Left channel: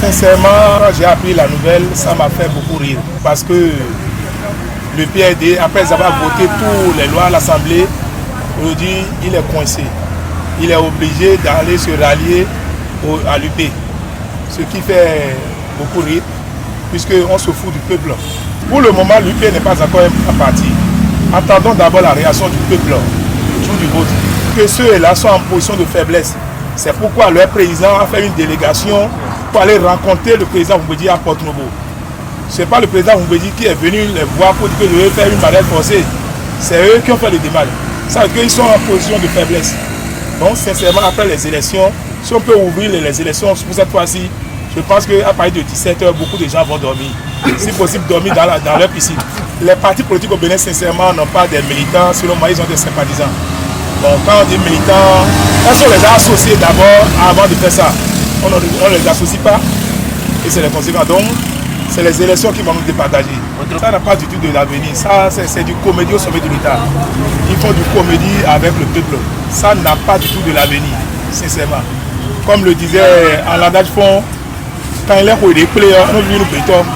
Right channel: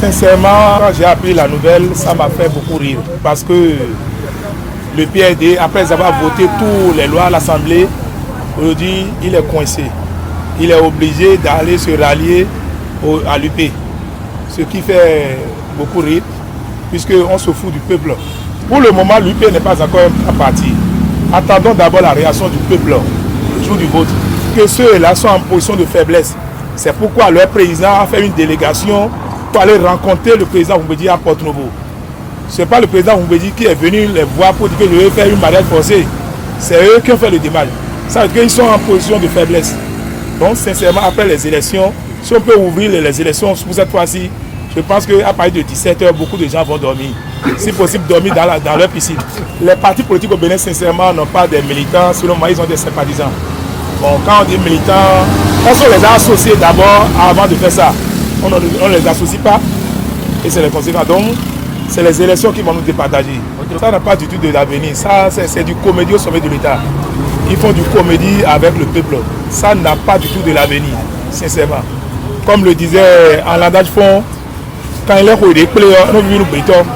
Sincèrement, quand j'ai appris la nouvelle, ça m'a fait beaucoup rire. Parce que le PRD, après avoir voté toutes les lois à l'Assemblée, aujourd'hui, il est coincé. Il est obligé d'aller se rallier à l'UP. Ce qui fait beaucoup rire, puisqu'on se fout du peuple. Pour le moment, l'UP n'est pas encore un parti. Attendons d'abord la réaction du peuple, le jour du vote. Que ceux-là sont en position de faiblesse. C'est pourquoi leur président a fait une délégation pour aller rencontrer le président Oumbédi à Porto-Novo. Ce n'est pas le président Oumbédi qui est venu les voir pour dire que je vais faire une mariage forcée. C'est eux qui ont fait le démarche. Ça veut dire qu'ils sont en position de faiblesse. Donc, sincèrement, après les élections, si on peut ouvrir les élections pour cette fois-ci, je pense qu'à partir de 17h, beaucoup de gens vont dormir. Si possible, dormir dans leur piscine. Les partis politiques au Bénin, sincèrement, n'ont pas des militants. Selon moi, ils ont des sympathisants. Bon, quand on dit militants, est-ce qu'on les a associés d'abord avant de faire ça? On ne les associe pas et c'est les conséquences. Donc, c'est les élections qui vont nous départager. Ça n'a pas du tout de l'avenir. Ça, c'est du comédie au sommet de l'État. Ils font du comédie avec le peuple. Ça n'a pas du tout de l'avenir, sincèrement. Comme le disait en l'adage fond, quand il est pour les players, on veut nous béton.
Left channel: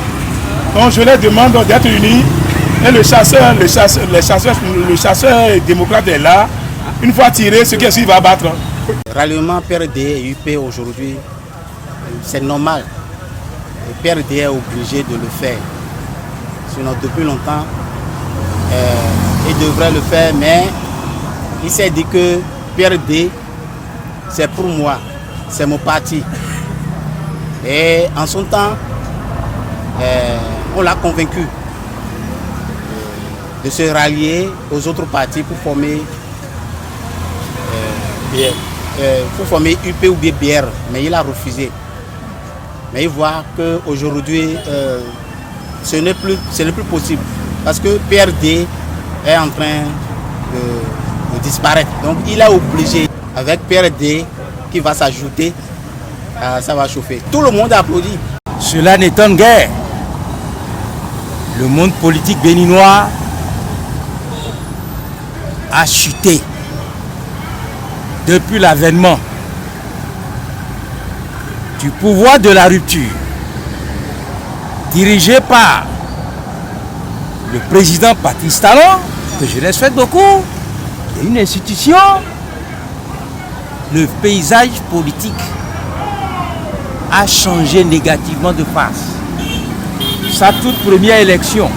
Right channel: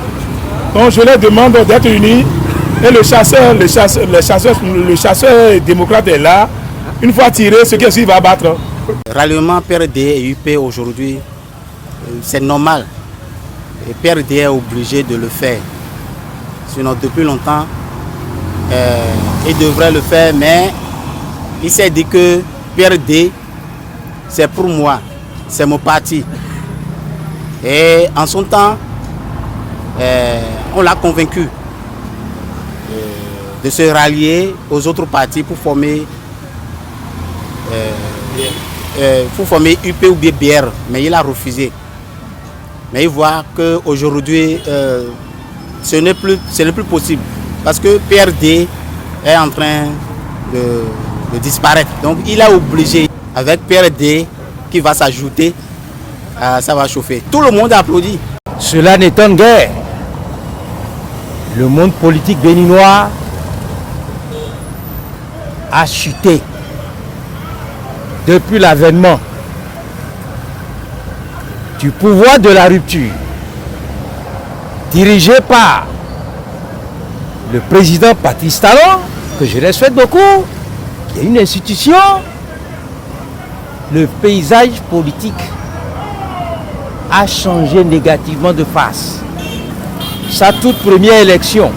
Donc, je leur demande d'être unis. Et le chasseur démocrate est là. Une fois tiré, ce qui est sûr, il va battre. Ralliement PRD et UP aujourd'hui, c'est normal. Et PRD est obligé de le faire. Sinon, depuis longtemps, il devrait le faire, mais il s'est dit que PRD, c'est pour moi, c'est mon parti. Et en son temps, on l'a convaincu de se rallier aux autres partis pour former UP ou BR, mais il a refusé. Mais il voit qu'aujourd'hui, ce n'est plus possible. Parce que PRD est en train de disparaître. Donc il est obligé, avec PRD qui va s'ajouter, ça va chauffer. Tout le monde applaudit. Cela n'étonne guère. Le monde politique béninois a chuté depuis l'avènement du pouvoir de la rupture dirigé par le président Patrice Talon, que je respecte beaucoup, qui est une institution. Le paysage politique a changé négativement de face. Sa toute première élection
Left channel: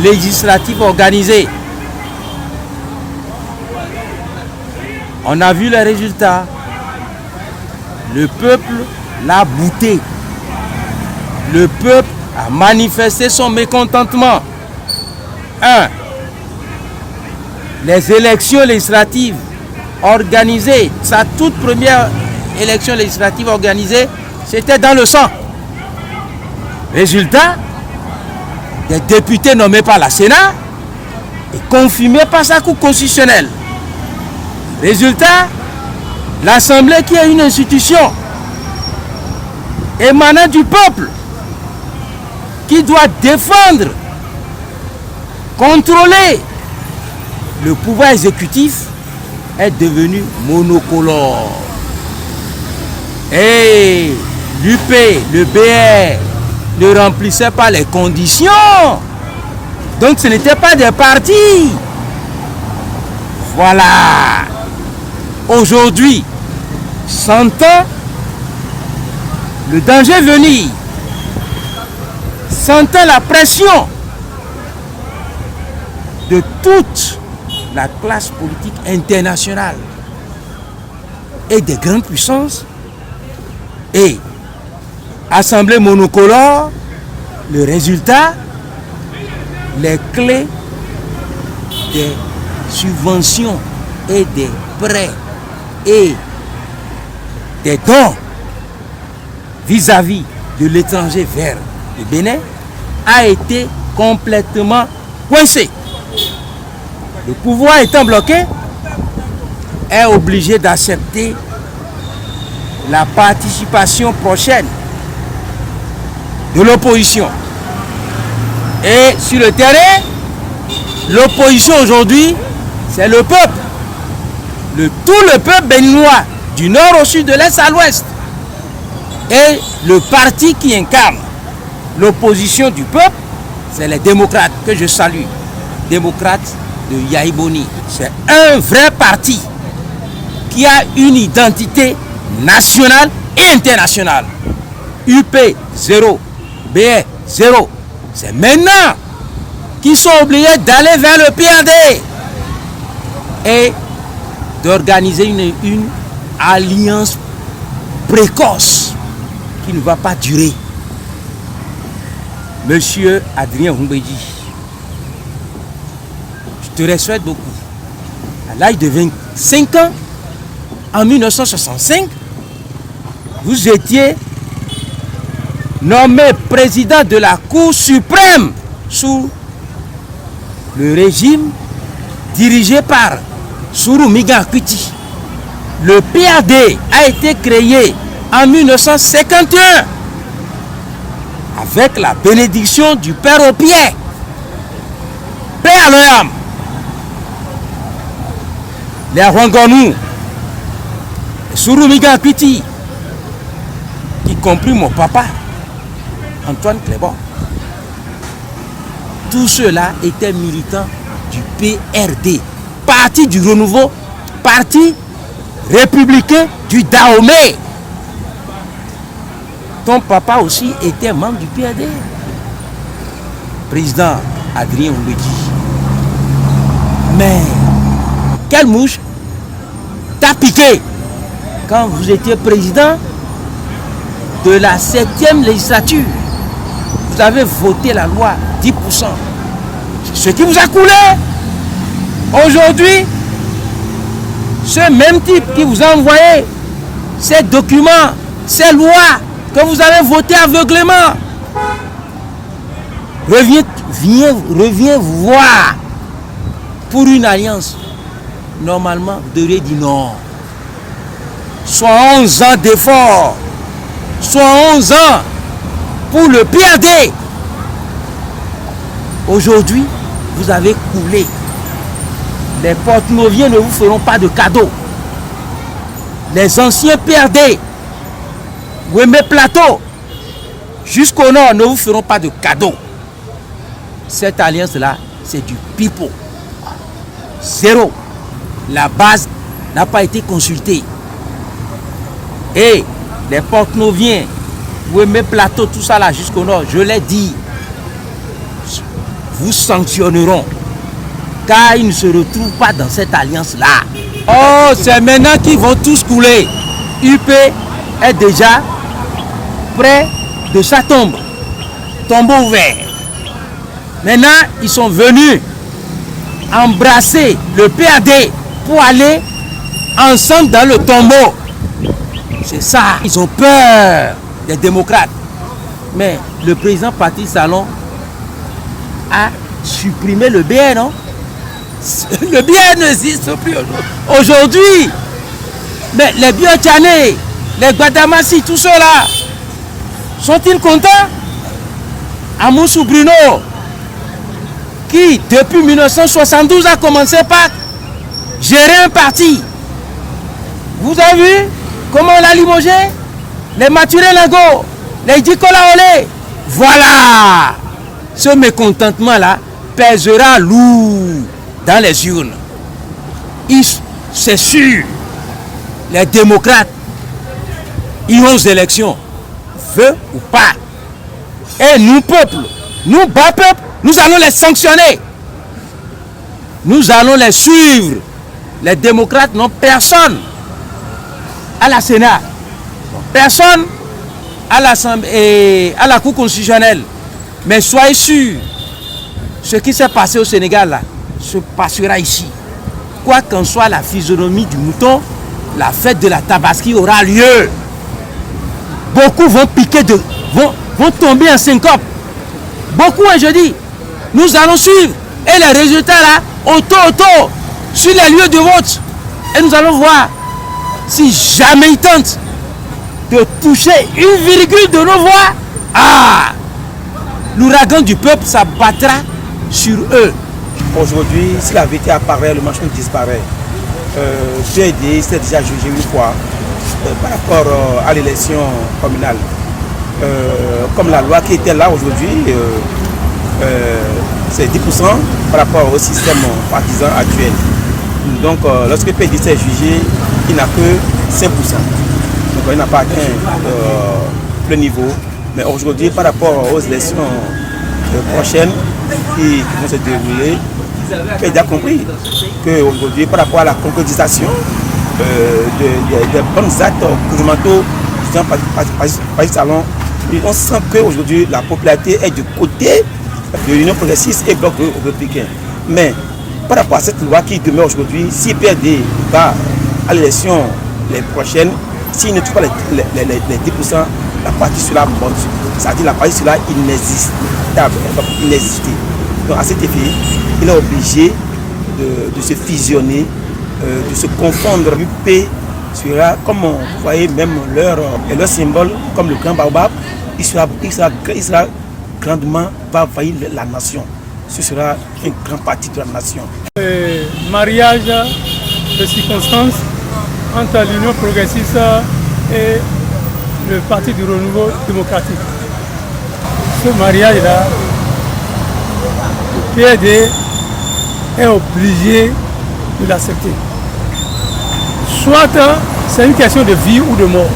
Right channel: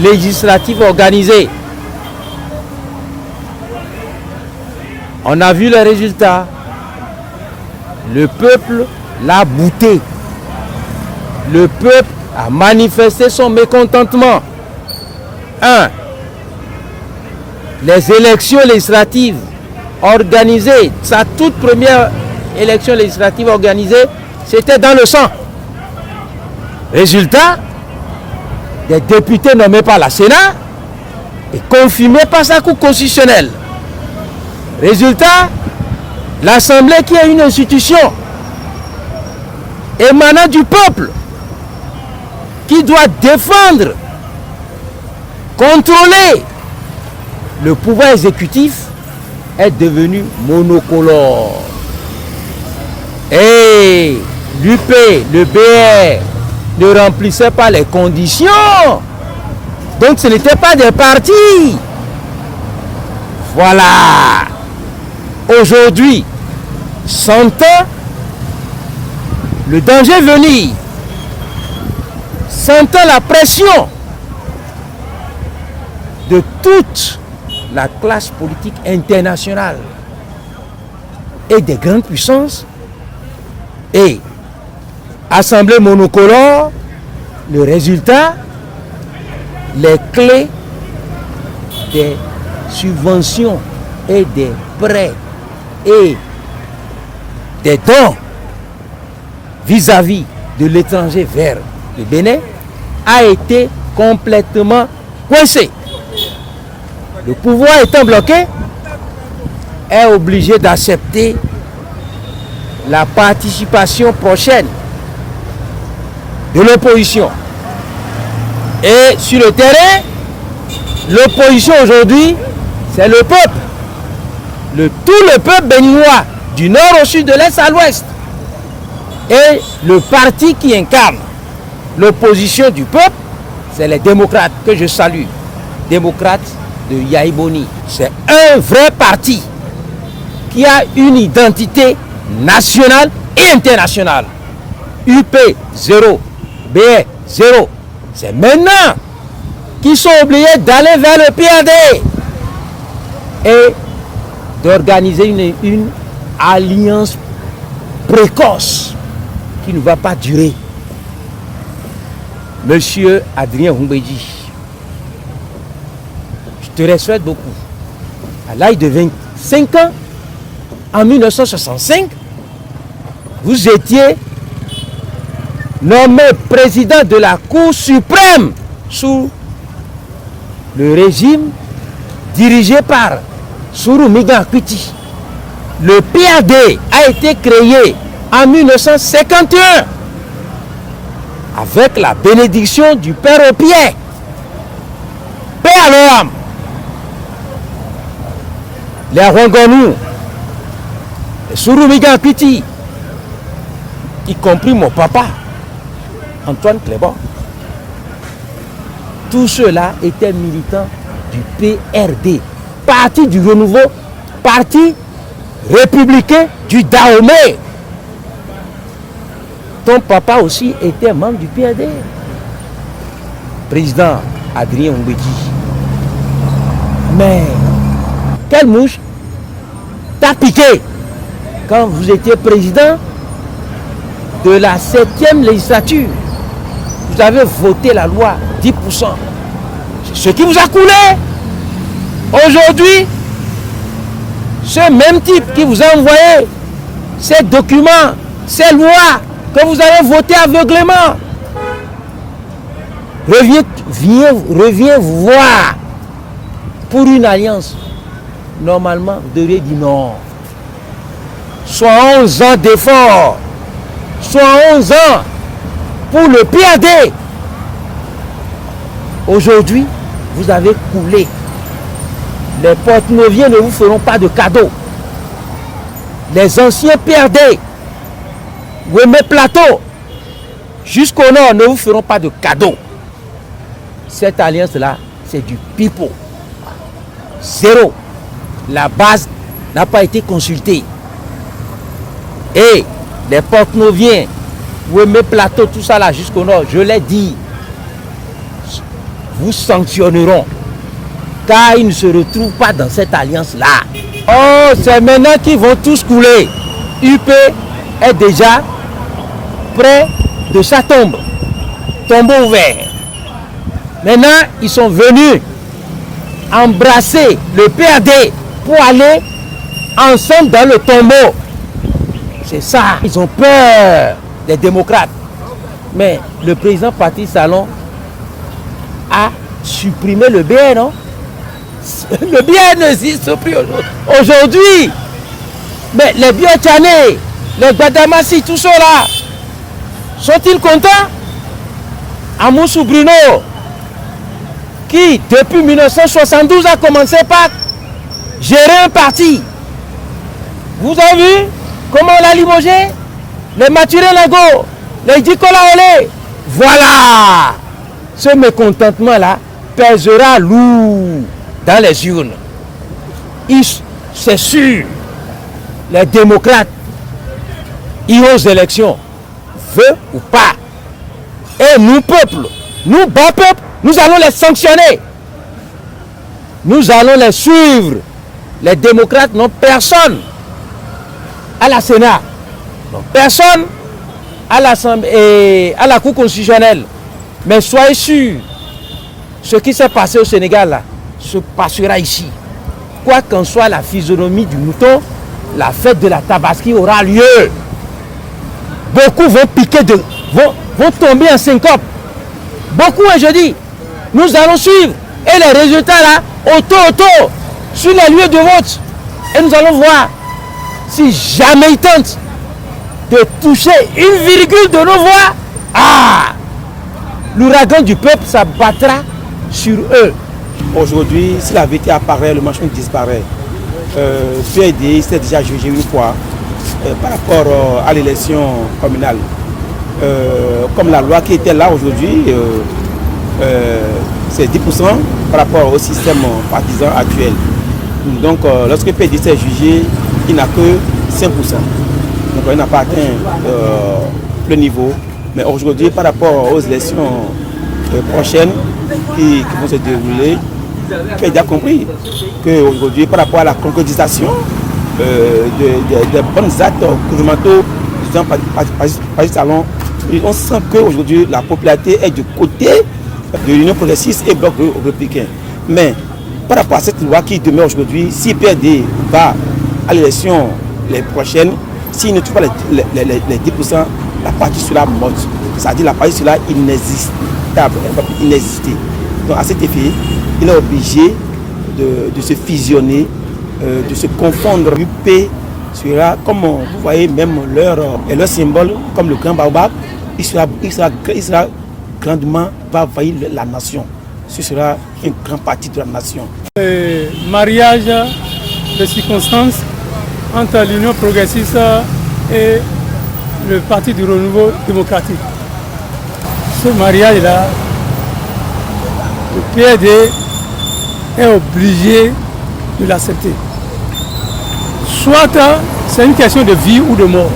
législative organisée, on a vu les résultats. Le peuple l'a bouté. Le peuple a manifesté son mécontentement. 1. Les élections législatives organisées, sa toute première élection législative organisée, c'était dans le sang. Résultat, des députés nommés par la Sénat et confirmés par sa Cour constitutionnelle. Résultat, l'Assemblée qui est une institution émanant du peuple, qui doit défendre, contrôler le pouvoir exécutif, est devenu monocolore. Et l'UP, le BR, ne remplissait pas les conditions. Donc ce n'était pas des partis. Voilà. Aujourd'hui, sentant le danger venir, sentant la pression de toute la classe politique internationale et des grandes puissances, et assemblée monocolore, le résultat, les clés des subventions et des prêts et des dons vis-à-vis de l'étranger vers le Bénin a été complètement coincé. Le pouvoir étant bloqué, est obligé d'accepter la participation prochaine de l'opposition. Et sur le terrain, l'opposition aujourd'hui, c'est le peuple. Tout le peuple béninois, du nord au sud, de l'est à l'ouest. Et le parti qui incarne l'opposition du peuple, c'est les démocrates que je salue. Démocrates de Yahi Boni. C'est un vrai parti qui a une identité nationale et internationale. UP 0, BE 0. C'est maintenant qu'ils sont obligés d'aller vers le PAD et d'organiser une alliance précoce qui ne va pas durer. Monsieur Adrien Humbedji, je te respecte beaucoup. À l'âge de 25 ans, en 1965, vous étiez nommé président de la Cour suprême sous le régime dirigé par Sourou Miga-Akwiti. Le PAD a été créé en 1951 avec la bénédiction du Père Opié. Paix à leur âme. Les Rwangonou, les Sourou Miga-Akwiti, y compris mon papa, Antoine Clébon. Tous ceux-là étaient militants du PRD, parti du renouveau, parti républicain du Dahomey. Ton papa aussi était membre du PRD. Président Adrien Humbedji. Mais quelle mouche t'a piqué quand vous étiez président de la 7e législature? Vous avez voté la loi 10%. Ce qui vous a coulé. Aujourd'hui, ce même type qui vous a envoyé ces documents, ces lois que vous avez votées aveuglément, revient vous voir pour une alliance. Normalement, vous devriez dire non. Soit 11 ans d'effort, soit 11 ans pour le PAD. Aujourd'hui, vous avez coulé. Les porte-noviers ne vous feront pas de cadeaux. Les anciens PAD, Wemé Plateau, jusqu'au nord, ne vous feront pas de cadeaux. Cette alliance-là, c'est du pipeau. Zéro. La base n'a pas été consultée. Et les porte-noviers, Wemé Plateau, tout ça là, jusqu'au nord, je l'ai dit, vous sanctionneront. Car ils ne se retrouvent pas dans cette alliance-là. Oh, c'est maintenant qu'ils vont tous couler. UP est déjà près de sa tombe. Tombeau ouvert. Maintenant, ils sont venus embrasser le PAD pour aller ensemble dans le tombeau. C'est ça. Ils ont peur des démocrates. Mais le président Patrice Talon a supprimé le BN, non? Le BN n'existe plus aujourd'hui. Mais les Biotchané, les Gbadamassi, tout cela, sont-ils contents? Amoussou Bruno, qui depuis 1972 a commencé par gérer un parti. Vous avez vu comment on l'a limogé? Les Maturé Lago, les Dikola Olé. Voilà. Ce mécontentement-là pèsera lourd dans les urnes. C'est sûr, les démocrates iront aux élections, veut ou pas. Et nous, peuple, nous, bas peuple, nous allons les sanctionner. Nous allons les suivre. Les démocrates n'ont personne à la Sénat, n'ont personne à l'Assemblée, à la Cour constitutionnelle. Mais soyez sûrs, ce qui s'est passé au Sénégal là, se passera ici. Quoi qu'en soit la physionomie du mouton, la fête de la Tabaski aura lieu. Beaucoup vont piquer vont tomber en syncope. Beaucoup, je dis. Nous allons suivre. Et les résultats là, auto, sur les lieux de vote. Et nous allons voir si jamais ils tentent de toucher une virgule de nos voix. L'ouragan du peuple s'abattra sur eux. Aujourd'hui, si la vérité apparaît, le mensonge disparaît. PAD s'est déjà jugé une fois par rapport à l'élection communale. Comme la loi qui était là aujourd'hui, c'est 10% par rapport au système partisan actuel. Donc lorsque le PDC est jugé, il n'a que 5%. Donc il n'a pas atteint le niveau. Mais aujourd'hui, par rapport aux élections prochaines qui vont se dérouler, tu as déjà compris qu'aujourd'hui, par rapport à la concrétisation des bons actes gouvernementaux par le salon, on sent qu'aujourd'hui la popularité est du côté de l'Union progressiste et bloc républicain. Mais par rapport à cette loi qui demeure aujourd'hui, si PRD va à l'élection les prochaines, s'il ne trouve pas les 10%, la partie sera morte. C'est-à-dire la partie sera inexistable, inexistée. Donc à cet effet, il est obligé de se fusionner, de se confondre. UP sera, comme vous voyez, même leur symbole, comme le grand baobab, il sera grandement, va envahir la nation. Ce sera une grande partie de la nation. Mariage de circonstances entre l'Union progressiste et le Parti du Renouveau démocratique. Ce mariage-là, le PRD est obligé de l'accepter. Soit c'est une question de vie ou de mort.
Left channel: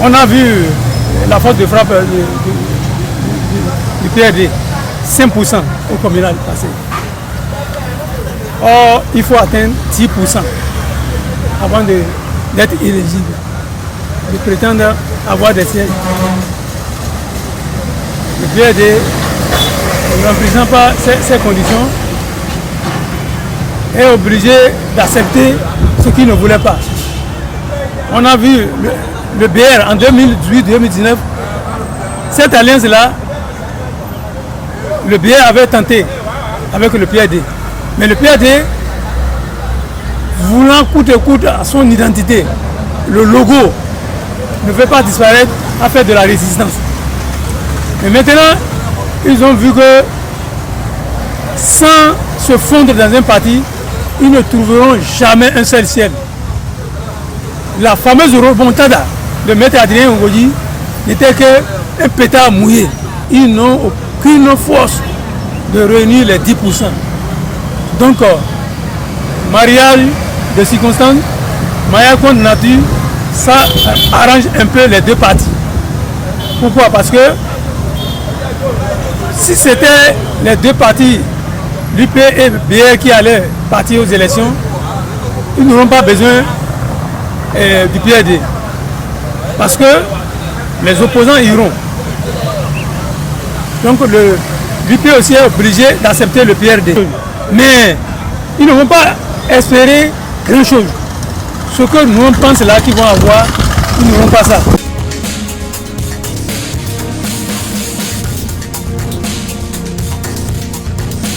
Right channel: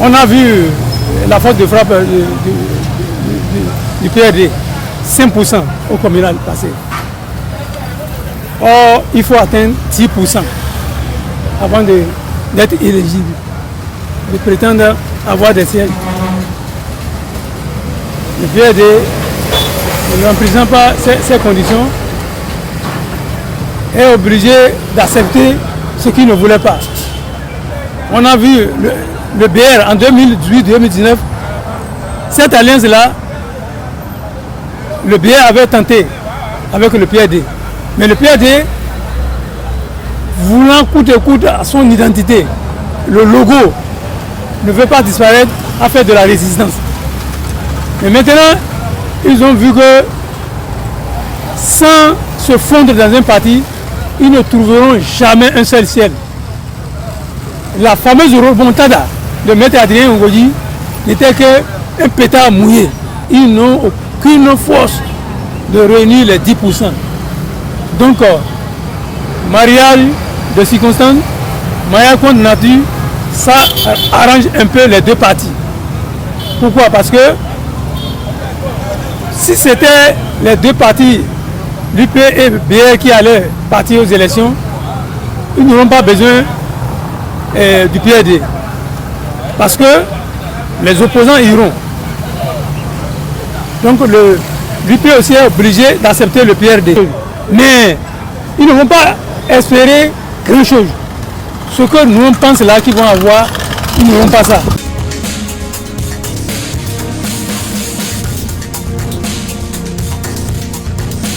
On a vu la force de frappe du PRD, 5% au communal passé. Or, il faut atteindre 10% avant d'être éligible, de prétendre avoir des sièges. Le PRD, en présentant pas ces conditions, est obligé d'accepter ce qu'il ne voulait pas. On a vu le BR en 2018-2019, cette alliance-là, le BR avait tenté avec le PRD. Mais le PRD, voulant coûte que coûte à son identité, le logo ne veut pas disparaître, à faire de la résistance. Mais maintenant, ils ont vu que sans se fondre dans un parti, ils ne trouveront jamais un seul ciel. La fameuse remontada de Maître Adrien Ngoyi n'était qu'un pétard mouillé. Ils n'ont aucune force de réunir les 10%. Donc, mariage de circonstances, mariage contre nature, ça arrange un peu les deux parties. Pourquoi? Parce que si c'était les deux partis, l'UP et BR qui allaient partir aux élections, ils n'auront pas besoin du PRD. Parce que les opposants iront. Donc l'UP aussi est obligé d'accepter le PRD. Mais ils ne vont pas espérer grand chose. Ce que nous on pense là qu'ils vont avoir, ils n'auront pas ça.